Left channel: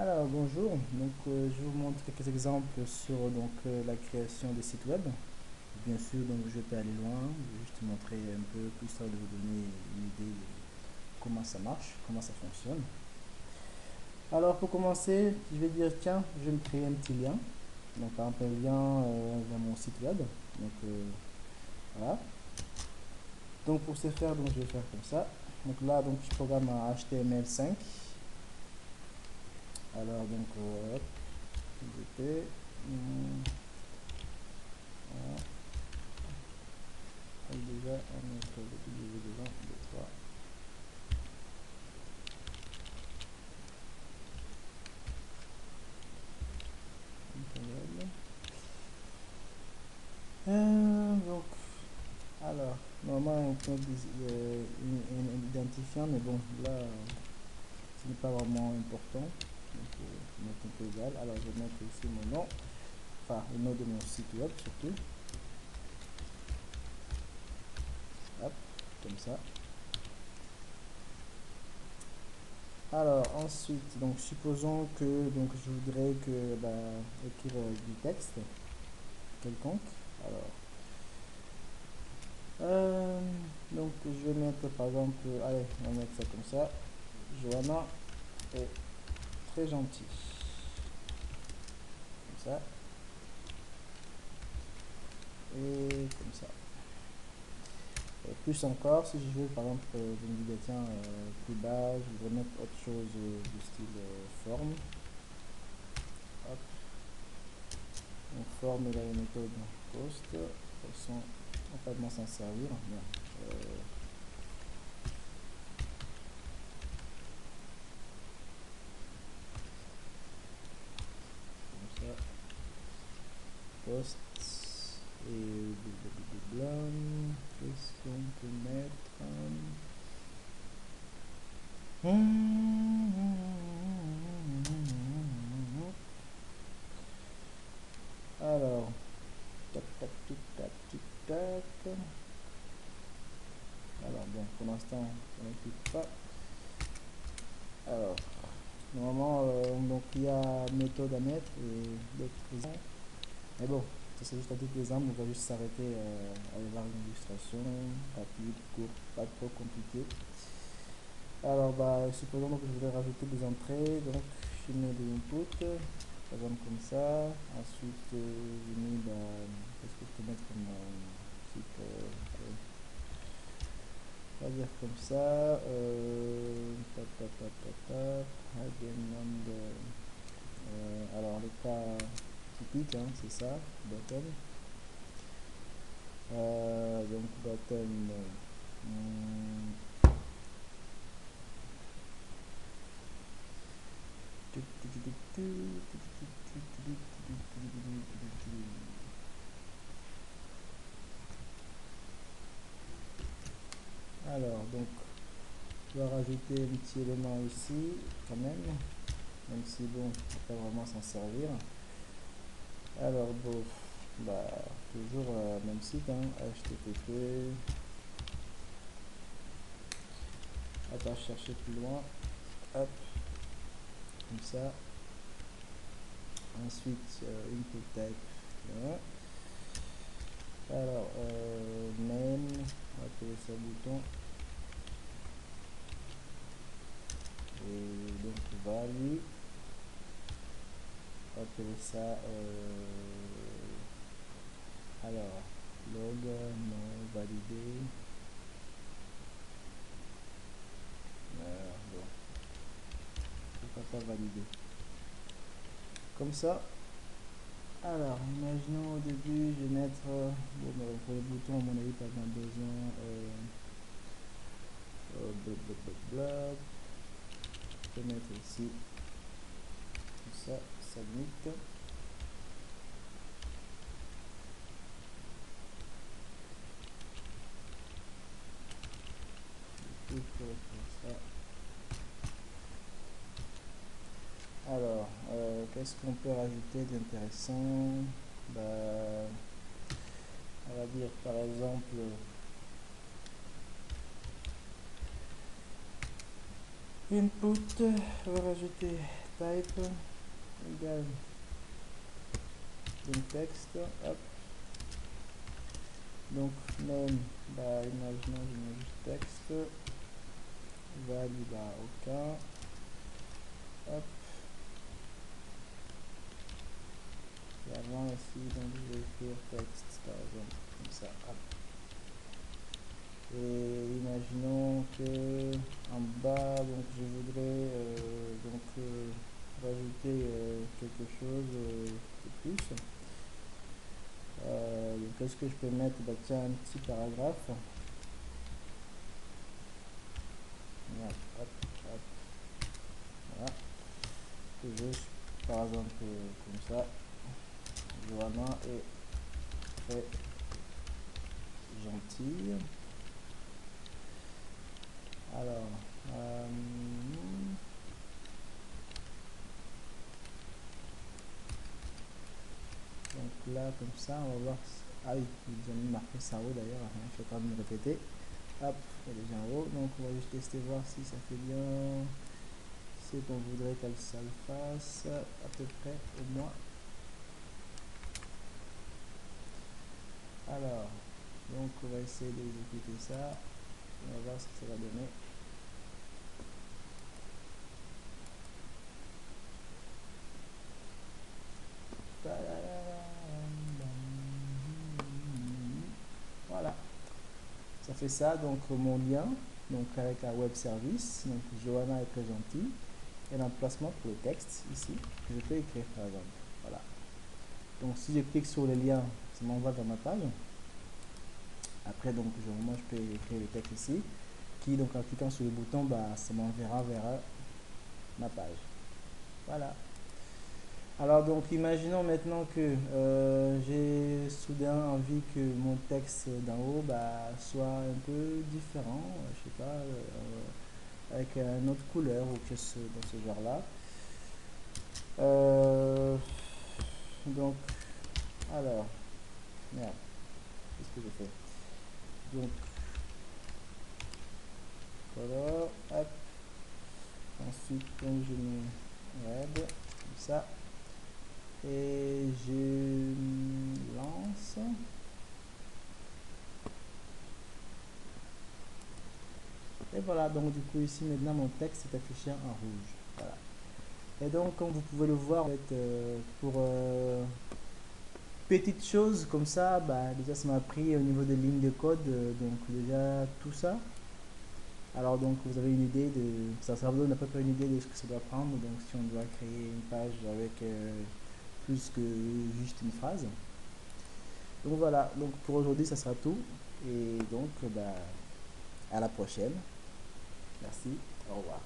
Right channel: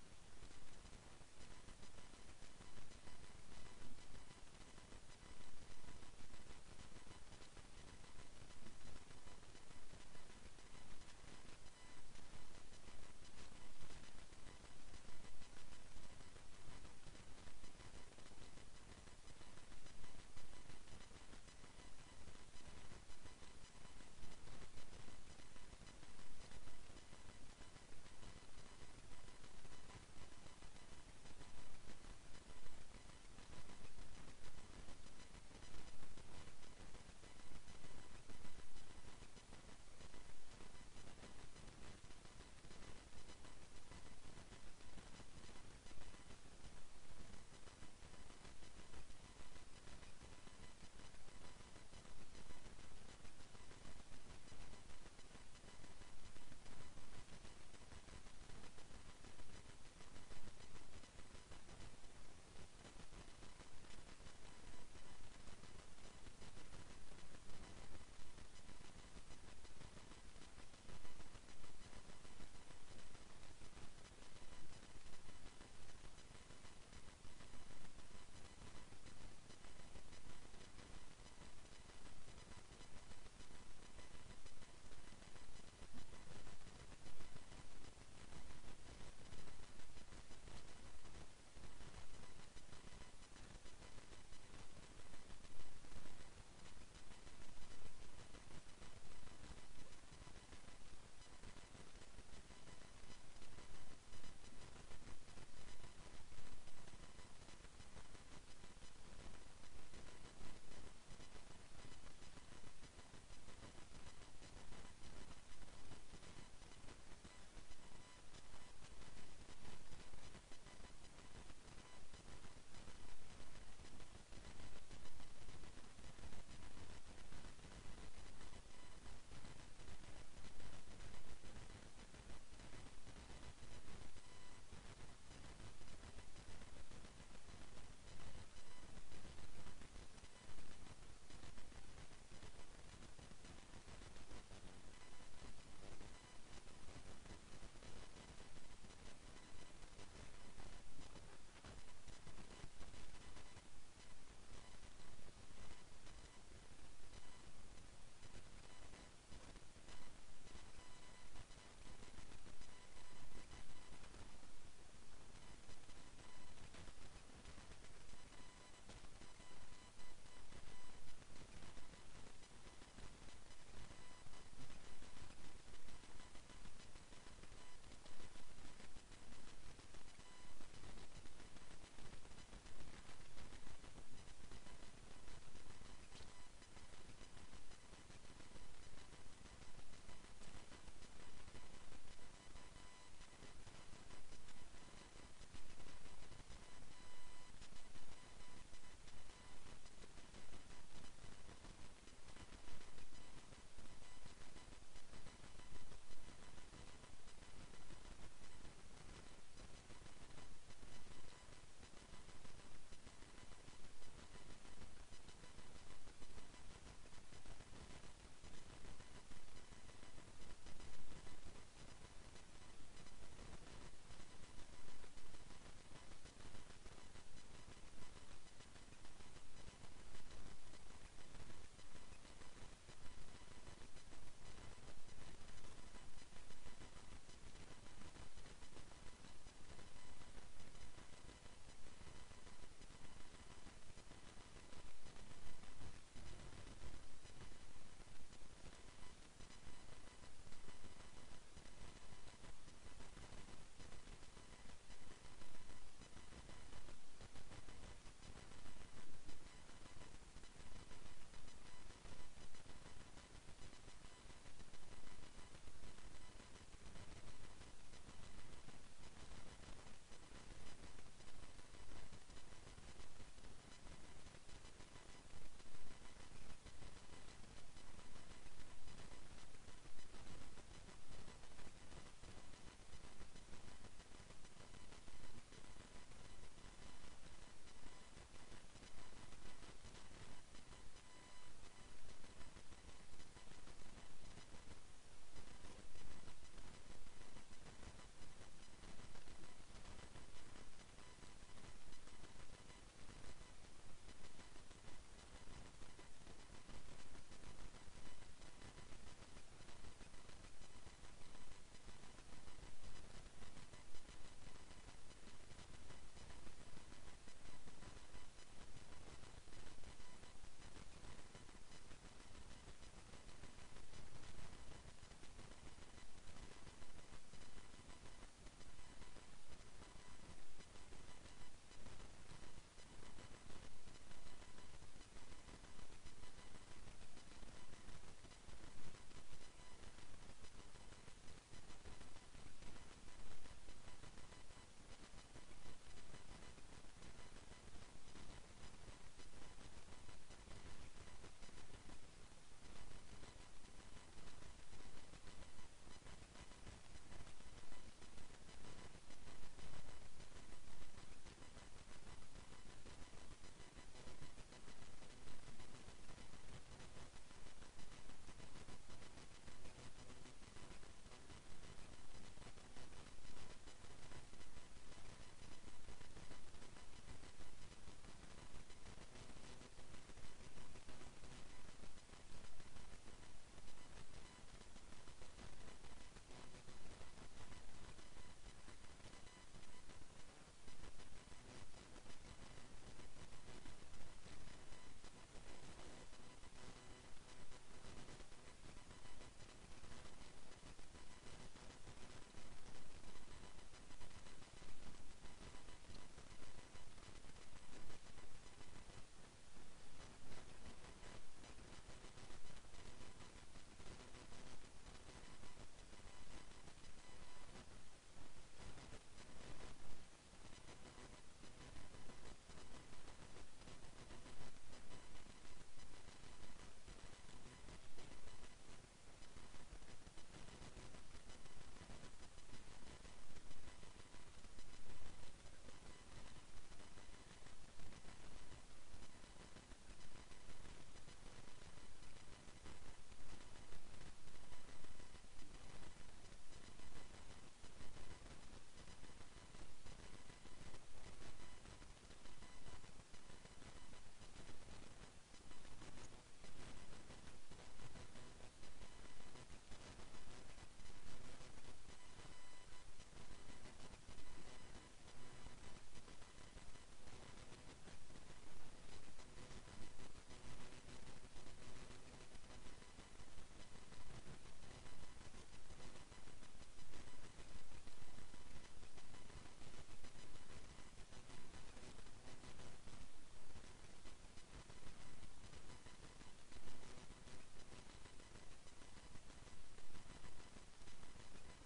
Alors bonjour, je vous montre quelques exemples sur la création des sites web. Bien sûr, je peux aller loin, je vais juste montrer un peu, histoire de vous donner une idée de comment ça marche, comment ça fonctionne. Alors pour commencer, je vais dire tiens, je vais me créer un petit lien. Donc par exemple un lien vers mon site web. Voilà. Donc pour ce faire, je vais faire comme ça. Donc là, je programme un HTML5. Alors hop, je vais voilà. Déjà un autre W devant, 2, 3. Donc, alors, normalement, on peut un identifiant, mais bon, là, ce n'est pas vraiment important. Donc, je vais mettre un peu égal. Alors, je vais mettre ici mon nom, enfin, le nom de mon site web surtout. Hop, comme ça. Alors, ensuite, supposons que je voudrais écrire du texte quelconque. Alors, je vais mettre par exemple, allez, on va mettre ça comme ça. Johanna est très gentille. Comme ça. Et comme ça. Et plus encore, si je veux par exemple, je me dis, tiens, plus bas, je voudrais mettre autre chose du style forme. Hop. Donc forme, il a une méthode post. De toute façon, on va pas vraiment s'en servir. Bien. Comme ça. Post. Et qu'est-ce qu'on peut mettre? Alors, tac, tac, tic, tac, tic, tac. Alors, bon, pour l'instant, on ne clique pas. Alors, normalement, il y a méthode à mettre et d'autres. Mais bon, ça c'est juste à titre d'exemple, on va juste s'arrêter à aller voir une illustration rapide, courte, pas trop compliquée. Alors, supposons que je voudrais rajouter des entrées, donc je mets des inputs, par exemple comme ça. Ensuite, je mets, qu'est-ce que je peux mettre comme type, on va dire comme ça. Alors, le cas typique, hein, c'est ça, button. Button. Alors, je vais rajouter un petit élément ici, quand même si bon, on ne peut pas vraiment s'en servir. Alors, bon, toujours même site, hein, HTTP. Attends, chercher plus loin. Hop, comme ça. Ensuite, input type. Voilà. Alors, name, on va appeler ça bouton. Et donc, value, on va appeler ça, alors, log, non, validé. Bon, pourquoi pas validé. Comme ça. Alors, imaginons au début, je vais mettre, pour le bouton, à mon avis, pas besoin, je vais mettre ici, comme ça, submit. Alors, qu'est-ce qu'on peut rajouter d'intéressant? On va dire par exemple input, on va rajouter type égale donc texte, hop, donc name, bah imaginons je mets juste texte, value bah aucun, hop, et avant ici donc je vais écrire texte par exemple comme ça, hop. Et imaginons que en bas donc je voudrais rajouter quelque chose de plus. Qu'est-ce que je peux mettre? Bah tiens, un petit paragraphe. Voilà, hop, hop, voilà. Juste par exemple comme ça. Johanna est très gentille. Alors, donc là, comme ça, on va voir. Ah oui, ils ont mis marqué ça haut d'ailleurs, hein, je vais quand même répéter. Hop, elle est déjà en haut, donc on va juste tester voir si ça fait bien ce qu'on voudrait que ça le fasse, à peu près au moins. Alors, donc on va essayer d'exécuter ça, on va voir ce que ça va donner. Voilà, ça fait ça, donc mon lien, donc avec un web service, donc Johanna est très gentille, et l'emplacement pour le texte ici, que je peux écrire par exemple. Voilà. Donc si je clique sur le lien, ça m'envoie vers ma page. Après donc moi je peux écrire le texte ici, qui donc en cliquant sur le bouton, bah, ça m'enverra vers ma page. Voilà. Alors donc imaginons maintenant que j'ai soudain envie que mon texte d'en haut bah, soit un peu différent, je sais pas, avec une autre couleur ou quelque chose dans ce genre là. Donc alors, merde, qu'est-ce que j'ai fait? Donc voilà, hop, ensuite donc je mets web, comme ça, et je lance. Et voilà, donc du coup ici maintenant mon texte est affiché en rouge. Voilà. Et donc comme vous pouvez le voir, en fait, pour petites choses comme ça, bah, déjà ça m'a pris au niveau des lignes de code, donc déjà tout ça. Alors donc vous avez une idée de, ça vous donne à peu près une idée de ce que ça doit prendre, donc si on doit créer une page avec plus que juste une phrase. Donc voilà, donc pour aujourd'hui ça sera tout, et donc bah, à la prochaine. Merci, au revoir.